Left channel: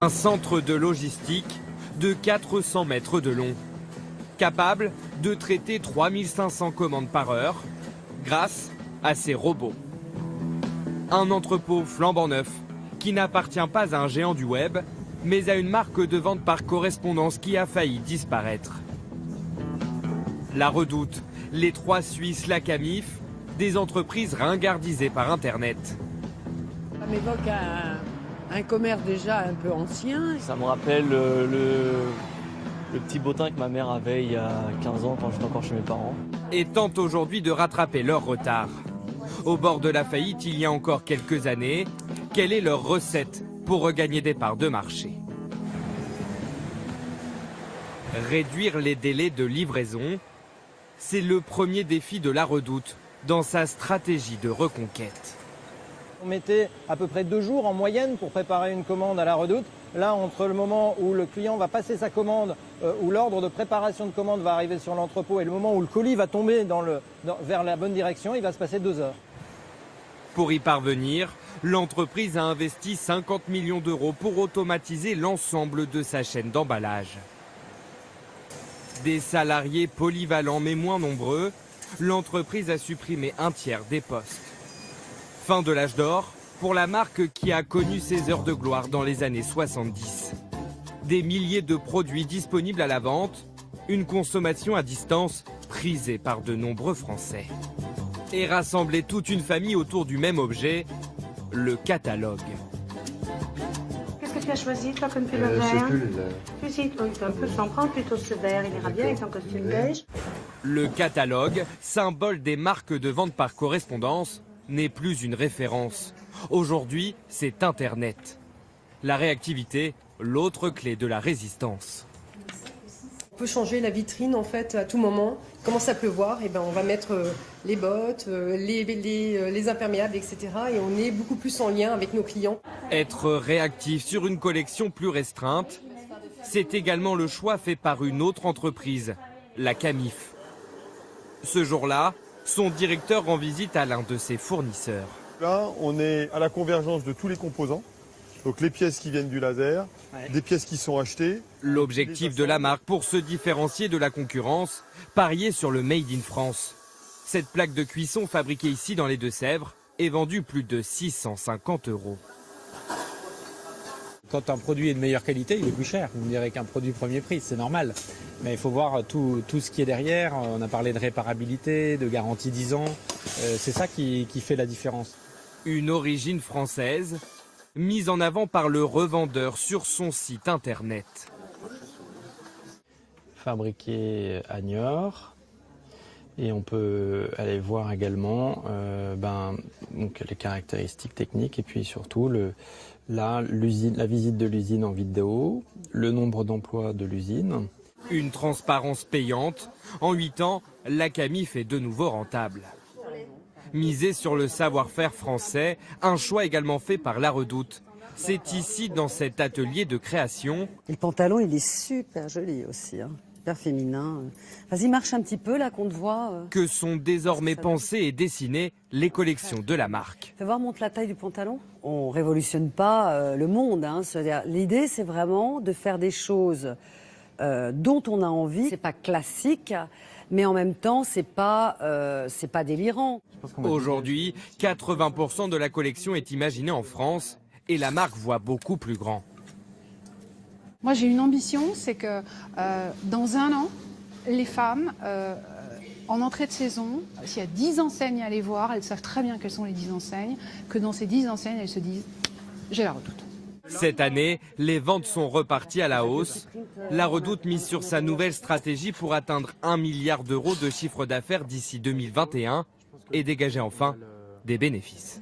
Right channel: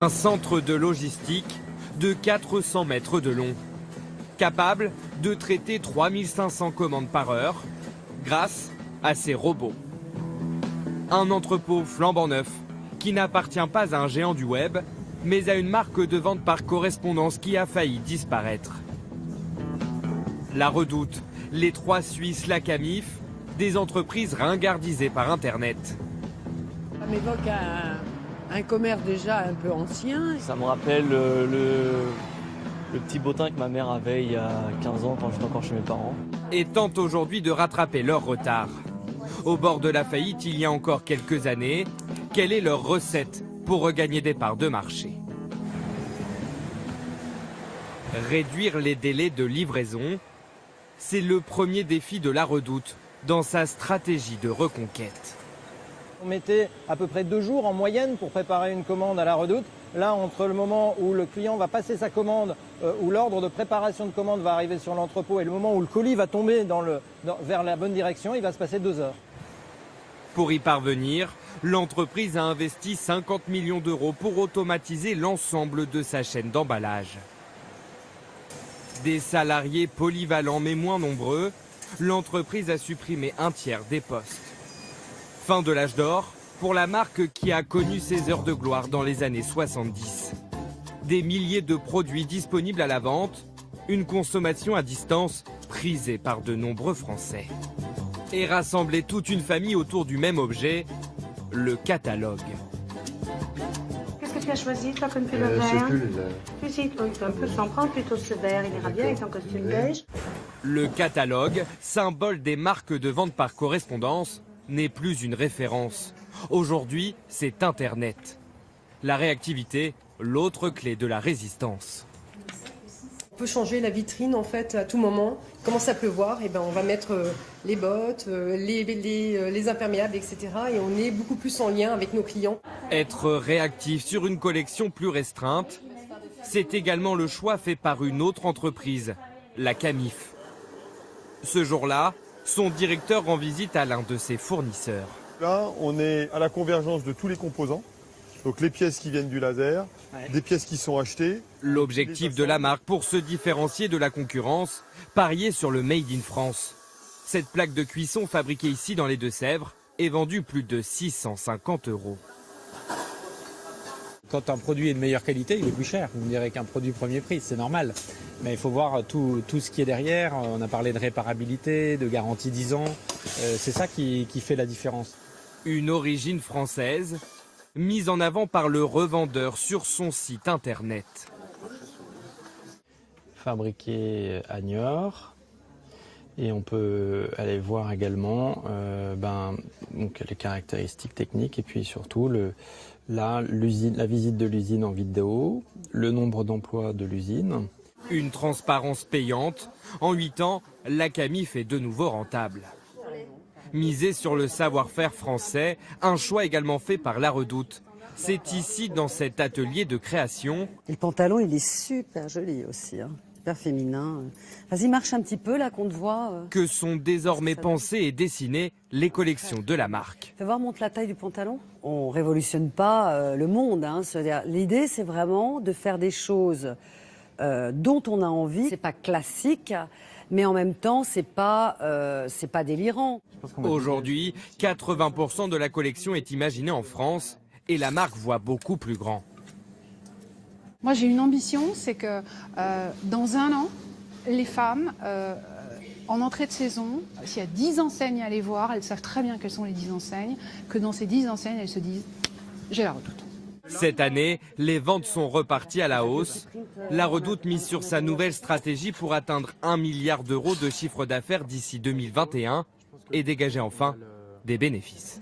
Un centre de logistique de 400 mètres de long, capable de traiter 3500 commandes par heure grâce à ses robots. Un entrepôt flambant neuf qui n'appartient pas à un géant du web, mais à une marque de vente par correspondance qui a failli disparaître. La Redoute, les trois Suisses, la Camif, des entreprises ringardisées par Internet. Ça m'évoque un commerce déjà un peu ancien. Ça me rappelle le petit bottin que ma mère avait il y a 15 ans quand j'étais encore chez mes parents. Et tentent aujourd'hui de rattraper leur retard. Au bord de la faillite il y a encore quelques années, quelle est leur recette pour regagner des parts de marché? Réduire les délais de livraison, c'est le premier défi de la Redoute dans sa stratégie de reconquête. On mettait à peu près 2 jours en moyenne pour préparer une commande à la Redoute. Là, entre le moment où le client va passer sa commande, où l'ordre de préparation de commande va arriver sur l'entrepôt et le moment où le colis va tomber vers la bonne direction, il va se passer 2 heures. Pour y parvenir, l'entreprise a investi 50 millions d'euros pour automatiser l'ensemble de sa chaîne d'emballage. Des salariés polyvalents mais moins nombreux, l'entreprise a supprimé 1/3 des postes. Fin de l'âge d'or pour la marque qui a connu ses heures de gloire dans les années 70. Des milliers de produits disponibles à la vente, une consommation à distance prisée par de nombreux Français. Et rassembler toute une famille autour du même objet, le catalogue. Qu'est-ce que tu as choisi, toi, comme pull vert? Si, toi, un peu, tu en prends plutôt ce vert, il ira bien avec ton costume beige. Le catalogue, symbole des marques de vente par correspondance, n'est plus une référence. Aujourd'hui, c'est Internet. La réactivité, l'autre clé de la résistance. On peut changer la vitrine en fait à tout moment. Il commence à pleuvoir, et ben on va mettre les bottes, les imperméables, etc. Et on est beaucoup plus en lien avec nos clients. Être réactif sur une collection plus restreinte, c'est également le choix fait par une autre entreprise, la Camif. Ce jour-là, son directeur rend visite à l'un de ses fournisseurs. Là, on est à la convergence de tous les composants. Donc les pièces qui viennent du laser, des pièces qui sont achetées. L'objectif de la marque pour se différencier de la concurrence, parier sur le Made in France. Cette plaque de cuisson fabriquée ici dans les Deux-Sèvres est vendue plus de 650 €. Quand un produit est de meilleure qualité, il est plus cher. Vous me direz qu'un produit premier prix, c'est normal. Mais il faut voir tout ce qui est derrière. On a parlé de réparabilité, de garantie 10 ans. C'est ça qui fait la différence. Une origine française, mise en avant par le revendeur sur son site internet. Fabriqué à Niort. Et on peut aller voir également donc les caractéristiques techniques et puis surtout la visite de l'usine en vidéo, le nombre d'emplois de l'usine. Une transparence payante. En 8 ans, la Camif est de nouveau rentable. Miser sur le savoir-faire français, un choix également fait par la Redoute. C'est ici, dans cet atelier de création. Le pantalon, il est super joli aussi, hein. Super féminin. Vas-y, marche un petit peu là qu'on te voit. Que sont désormais pensées et dessinées les collections de la marque. Fais voir, montre la taille du pantalon. On révolutionne pas le monde, hein. L'idée, c'est vraiment de faire des choses dont on a envie. C'est pas classique, mais en même temps, c'est pas délirant. Aujourd'hui, 80% de la collection est imaginée en France et la marque voit beaucoup plus grand. Moi, j'ai une ambition, c'est que dans 1 an, les femmes, en entrée de saison, s'il y a 10 enseignes à aller voir, elles savent très bien quelles sont les 10 enseignes, que dans ces 10 enseignes, elles se disent « j'ai la Redoute ». Cette année, les ventes sont reparties à la hausse. La Redoute mise sur sa nouvelle stratégie pour atteindre 1 milliard d'euros de chiffre d'affaires d'ici 2021 et dégager enfin des bénéfices.